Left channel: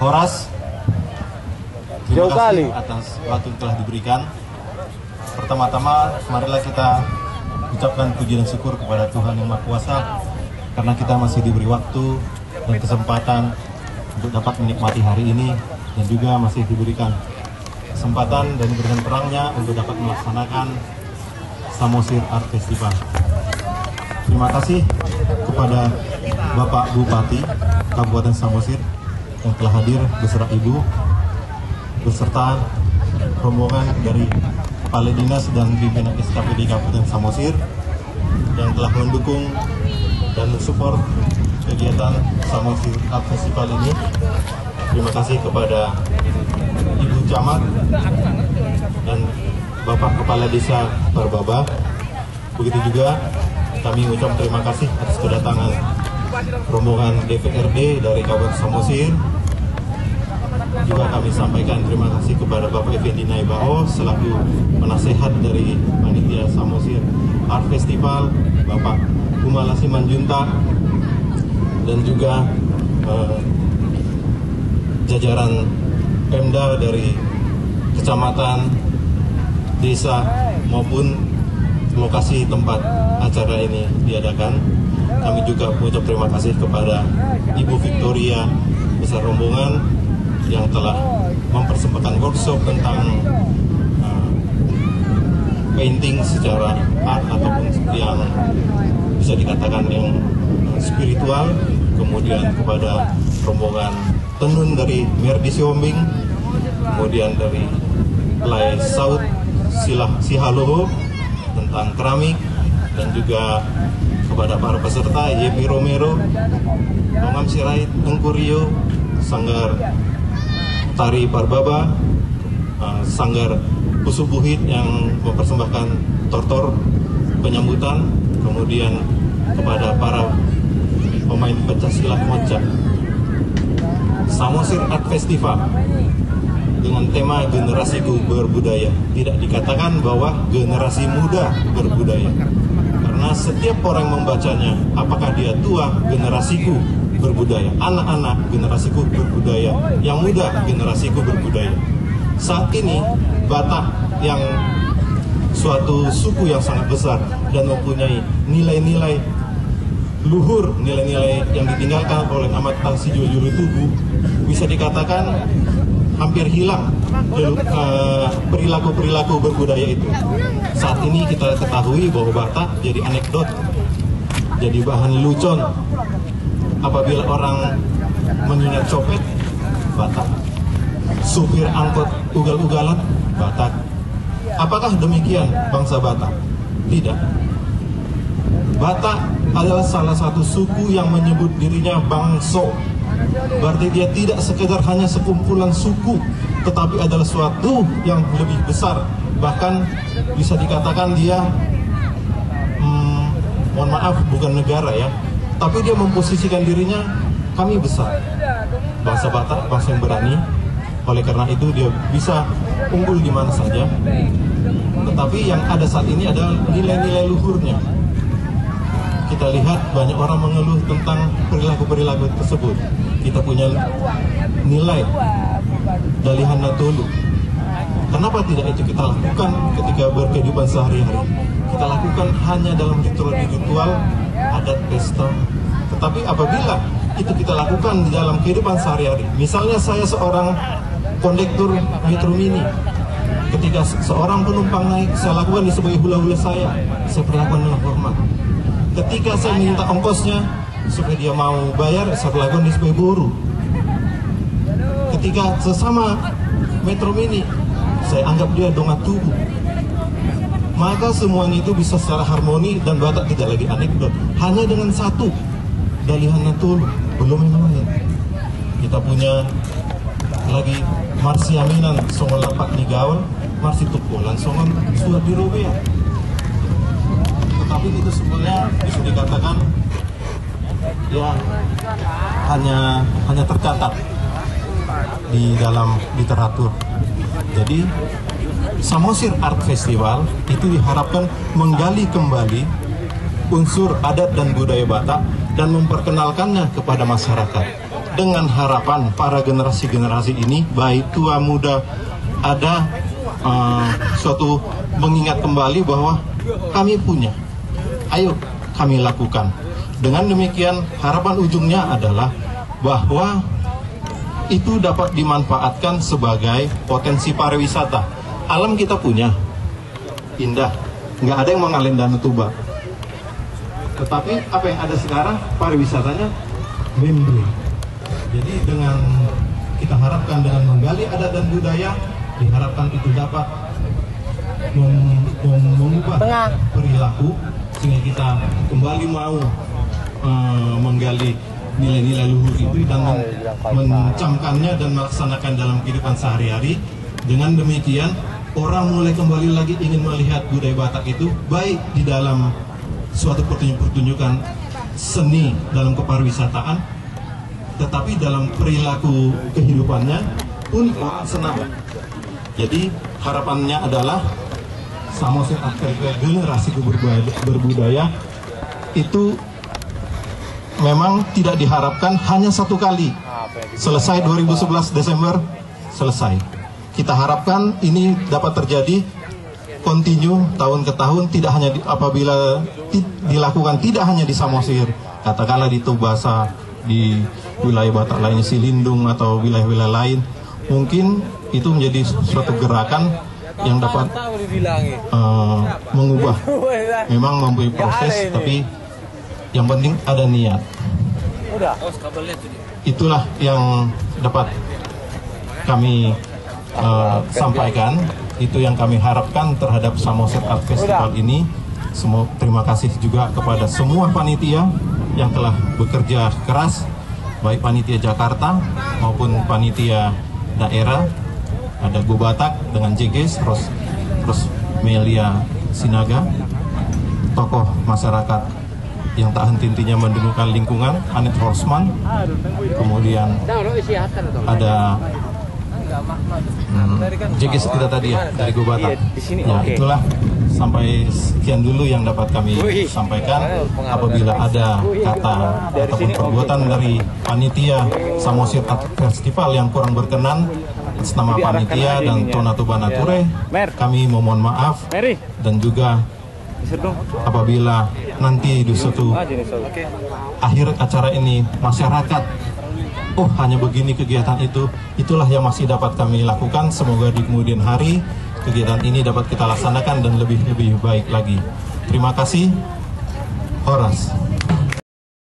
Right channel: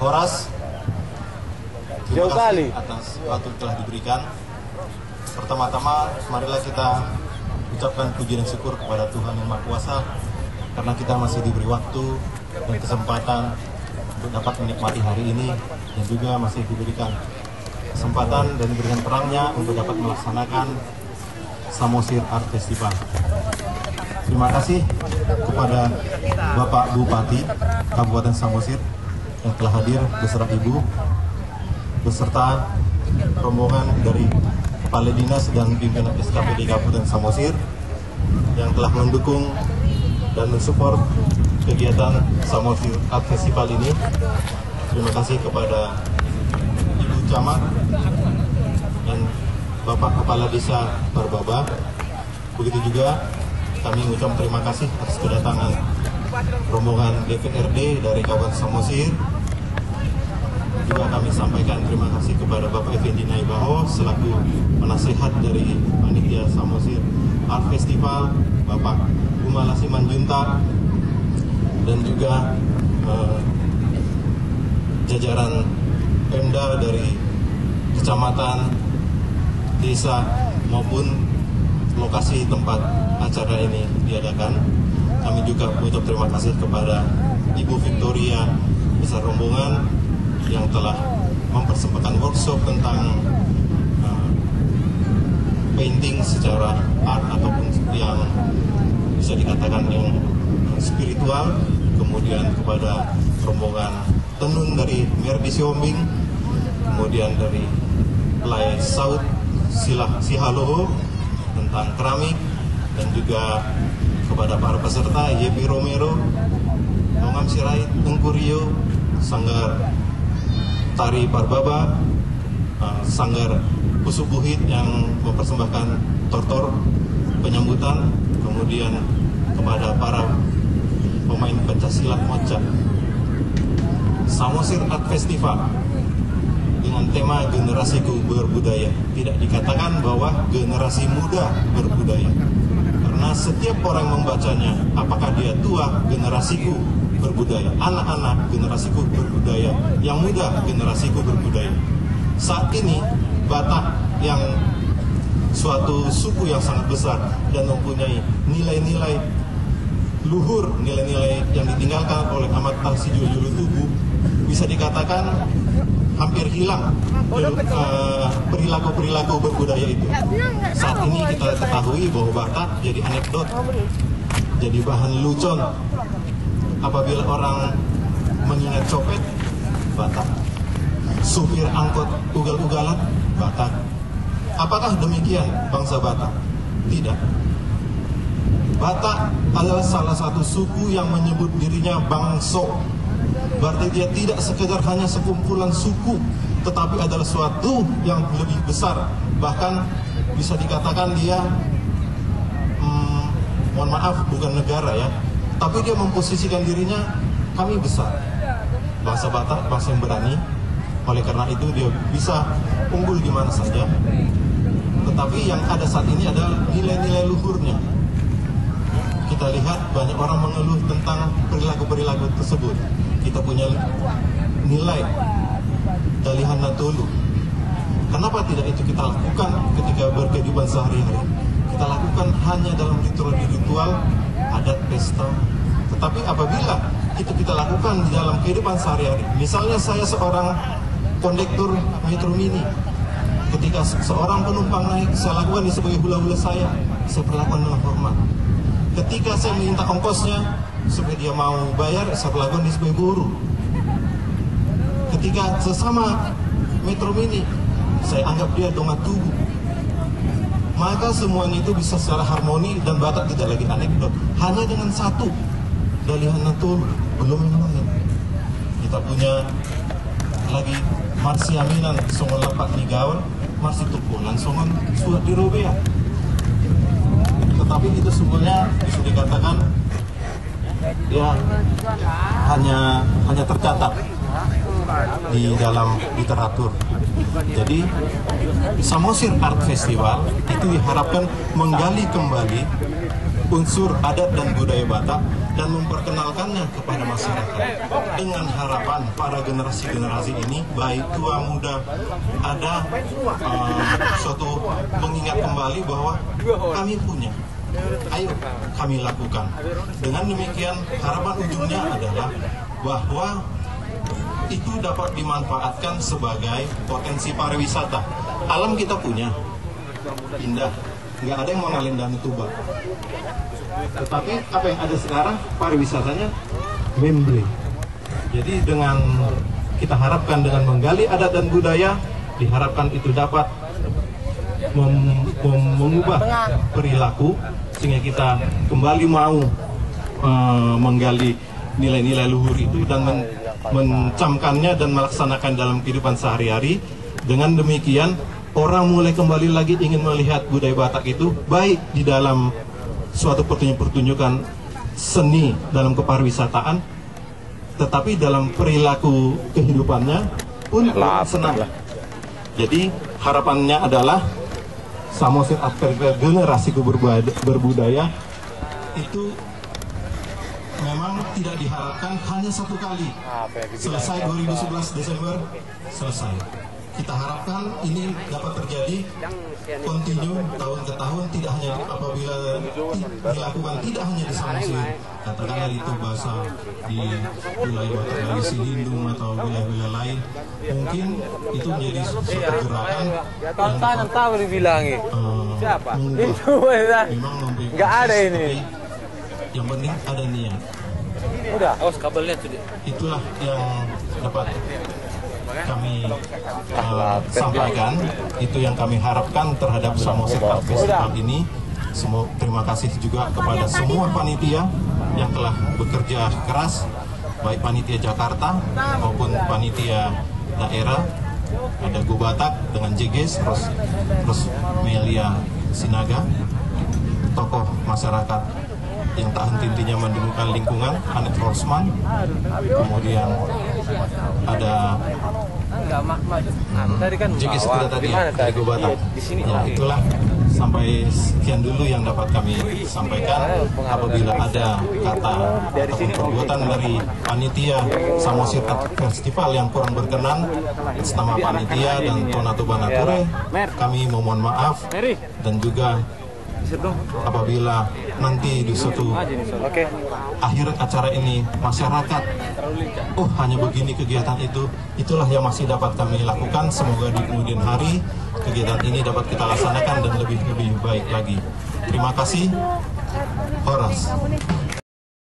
Horas, terima kasih atas waktu yang telah diberikan. Pertama-tama, marilah kita ucapkan puji dan syukur kepada Tuhan Yang Maha Kuasa karena kita masih diberi waktu dan kesempatan untuk dapat menikmati hari ini, dan juga masih diberikan kesempatan dan diberikan terangnya untuk dapat melaksanakan Samosir Art Festival. Terima kasih kepada Bapak Bupati Kabupaten Samosir yang telah hadir beserta Ibu, beserta rombongan dari Kepala Dinas dan pimpinan SKPD Kabupaten Samosir yang telah mendukung dan mensupport kegiatan Samosir Art Festival ini. Terima kasih kepada Ibu Camat dan Bapak Kepala Desa Parbaba. Begitu juga kami mengucapkan terima kasih atas kedatangan rombongan DPRD dari Kabupaten Samosir. Juga kami sampaikan terima kasih kepada Bapak Effendi Naibaho selaku penasehat dari panitia Samosir Art Festival, Bapak Umala Simanjuntak, dan juga jajaran Pemda dari kecamatan, desa maupun lokasi tempat acara ini diadakan. Kami juga mengucap terima kasih kepada Ibu Victoria besar rombongan yang telah mempersembahkan workshop tentang painting secara art ataupun yang bisa dikatakan yang spiritual. Kemudian kepada rombongan tenun dari Merdi Siombing, kemudian dari Lai Saud Sihaloho tentang keramik, dan juga kepada para peserta Yepi Romero, Tongam Sirait, Tengku Rio, Sanggar Tari Parbaba, Sanggar Pusubuhit yang mempersembahkan tortor penyambutan, kemudian kepada para pemain pencaksilat Moca. Samosir Art Festival dengan tema generasiku berbudaya. Tidak dikatakan bahwa generasi muda berbudaya, karena setiap orang membacanya, apakah dia tua, generasiku berbudaya, anak-anak, generasiku berbudaya, yang muda, generasiku berbudaya. Saat ini Batak yang suatu suku yang sangat besar dan mempunyai nilai-nilai luhur, nilai-nilai yang ditinggalkan oleh Ahmad Tahsijul Julutubu, bisa dikatakan hampir hilang perilaku-perilaku berbudaya itu. Saat ini kita ketahui bahwa Batak jadi anekdot, jadi bahan lucon. Apabila orang mengingat copet, Batak. Supir angkot ugal-ugalan, Batak. Apakah demikian bangsa Batak? Tidak. Batak adalah salah satu suku yang menyebut dirinya bangso. Berarti dia tidak sekedar hanya sekumpulan suku, tetapi adalah suatu yang lebih besar. Bahkan bisa dikatakan dia, mohon maaf, bukan negara ya, tapi dia memposisikan dirinya, kami besar. Bangsa Batak, bangsa yang berani. Oleh karena itu dia bisa unggul di mana saja. Tetapi yang ada saat ini adalah nilai-nilai luhurnya. Kita lihat banyak orang mengeluh tentang perilaku-perilaku tersebut. Kita punya nilai Dalihan Natolu. Kenapa tidak itu kita lakukan ketika berkehidupan sehari-hari? Kita lakukan hanya dalam ritual-ritual adat pesta. Tetapi apabila itu kita lakukan di dalam kehidupan sehari-hari, misalnya saya seorang kondektur Metro Mini, ketika seorang penumpang naik, saya lakukan di sebagai hula-hula saya perlakukan dengan hormat. Ketika saya minta ongkosnya supaya dia mau bayar, saya perlakukan di sebagai buruh. Ketika sesama Metro Mini, saya anggap dia donga tubuh. Maka semuanya itu bisa secara harmoni dan Batak tidak lagi anekdot. Hanya dengan satu, Dalihan Natolu, belum yang lain. Kita punya lagi Marsi Aminan, Songon Lapak Nigawan, Marsi Tukulan, Songon Suat di Robea. Tetapi itu semuanya bisa dikatakan ya hanya tercatat di dalam literatur. Jadi Samosir Art Festival itu diharapkan menggali kembali unsur adat dan budaya Batak dan memperkenalkannya kepada masyarakat. Dengan harapan para generasi-generasi ini, baik tua muda, ada suatu mengingat kembali bahwa kami punya. Ayo kami lakukan. Dengan demikian harapan ujungnya adalah bahwa itu dapat dimanfaatkan sebagai potensi pariwisata. Alam kita punya, indah, nggak ada yang mengalin Danau Toba. Tetapi apa yang ada sekarang, pariwisatanya membre. Jadi dengan kita harapkan dengan menggali adat dan budaya, diharapkan itu dapat mengubah perilaku sehingga kita kembali mau menggali nilai-nilai luhur itu dan mencamkannya dan melaksanakan dalam kehidupan sehari-hari. Dengan demikian orang mulai kembali lagi ingin melihat budaya Batak itu baik di dalam suatu pertunjukan seni dalam kepariwisataan, tetapi dalam perilaku kehidupannya pun senang. Jadi harapannya adalah Samosir Afrika generasi berbudaya itu memang tidak diharapkan hanya satu kali. Selesai 2011 Desember, selesai. Kita harapkan ini dapat terjadi kontinu tahun ke tahun, tidak hanya apabila dilakukan tidak hanya di Samosir, katakanlah di Tubasa, di wilayah Batak lainnya Silindung atau wilayah-wilayah lain, mungkin itu menjadi suatu gerakan yang dapat mengubah. Memang mempunyai proses, tapi yang penting ada niat. Itulah yang dapat kami sampaikan. Itu yang kami harapkan terhadap Samosir Art Festival ini. Terima kasih juga kepada semua panitia yang telah bekerja keras, baik panitia Jakarta maupun panitia daerah. Ada Go Batak dengan JGS, terus Melia Sinaga, tokoh masyarakat yang tak henti-hentinya mendulukan lingkungan, Anet Horsman, kemudian ada JGS sudah tadi ya, dari Go Batak. Ya itulah, sampai sekian dulu yang dapat kami sampaikan. Apabila ada kata ataupun perbuatan dari panitia Samosir Art Festival yang kurang berkenan atas nama panitia dan Tona Toba Nature, kami memohon maaf. Dan juga apabila nanti di suatu akhir acara ini masyarakat, oh hanya begini kegiatan itu, itulah yang masih dapat kami lakukan. Semoga di kemudian hari kegiatan ini dapat kita laksanakan dan lebih baik lagi. Terima kasih. Horas.